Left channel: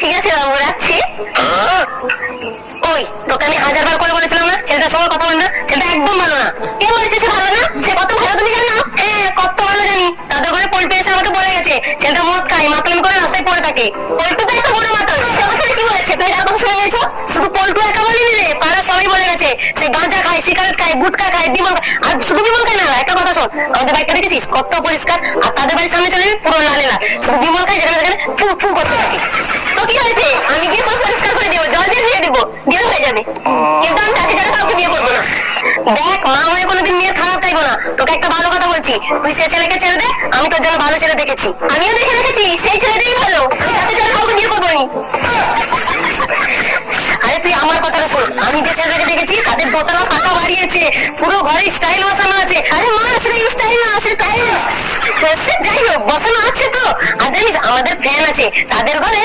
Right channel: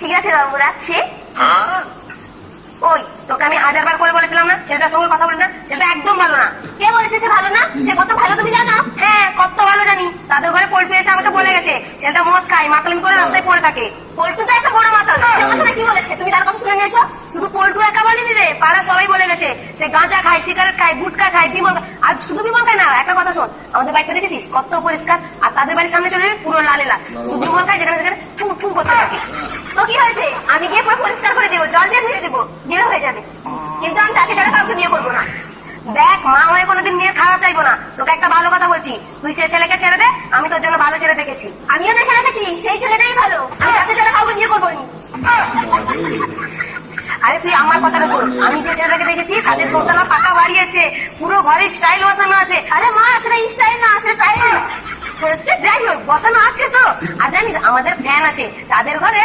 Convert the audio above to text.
ঠিক আছে বাবু, রাখছি। ওই তোকে আমি 1000 বার করে বলেছিলাম না ছেলেটার সঙ্গে কথা বল না, ছেলেটা একদম ভালো না। কে বলেছে সে ভালো না? সে কত ভালো তুমি জানো? হ্যাঁ, কত ভালো জানি। তাদের ঘরে পল্টু এসে আমাকে বলে গেছে ছেলেটা মদ খায়, মাতামি করে রাস্তায় পড়ে থাকে। পল্টু তো একটা বড় মাতাল, সে ওখানে কি বলেছে তুমি তার কথা শুনে নিয়েছো? শুধু পল্টু একা বলেনি রে, পাড়া সবাই বলে গেছে সে গাঁজা খায়, সিগারেট খায়, গুটখা খায়, বিমল খায়। আর শুধু বিমল খায় না, একটা কথা শোন, আমাদের বাইকটা দেখেছিস কত পরিষ্কার, আর তাদের বাড়ির সামনে চলে পুরো লালে লাল। শুধু বিমল খায়, যেখানে যেখানে ফু ফু করতে থাকে। তো কি হয়েছে, আমি গিয়ে পরিষ্কার করে দেবো, জল দিয়ে ধুয়ে দেবো, দিয়ে হয়ে যাবে। কিন্তু আমি তাকে ছাড়া কাউকে বিয়ে করবো না। দেখ, মা হয়ে কোনোদিন মেয়ের খারাপ চাইবো না। তোকে একটা ভালো কথা বলছি, তুই সে ছেলেকে ছেড়ে দে, আমি তোর জন্য ভালো ছেলে দেখেছি। আমিও দেখে রেখেছি, সেই ছেলেটাই ভালো, আমি তাকে ছাড়া কাউকে বিয়ে করবো নি। আরে তুই আমার কথাটা শোন, আমি যে ছেলেটাকে দেখেছি তাদের দোতলা পাকা বাড়ি আছে, পুরো ঘরে স্টাইল বসানো আছে। আরে মা, সেটা স্টাইল না, সে টাইল। যাই হোক, বসানো আছে তো। আর জানিস আমাদের ফ্যান আছে তাদের ঘরে,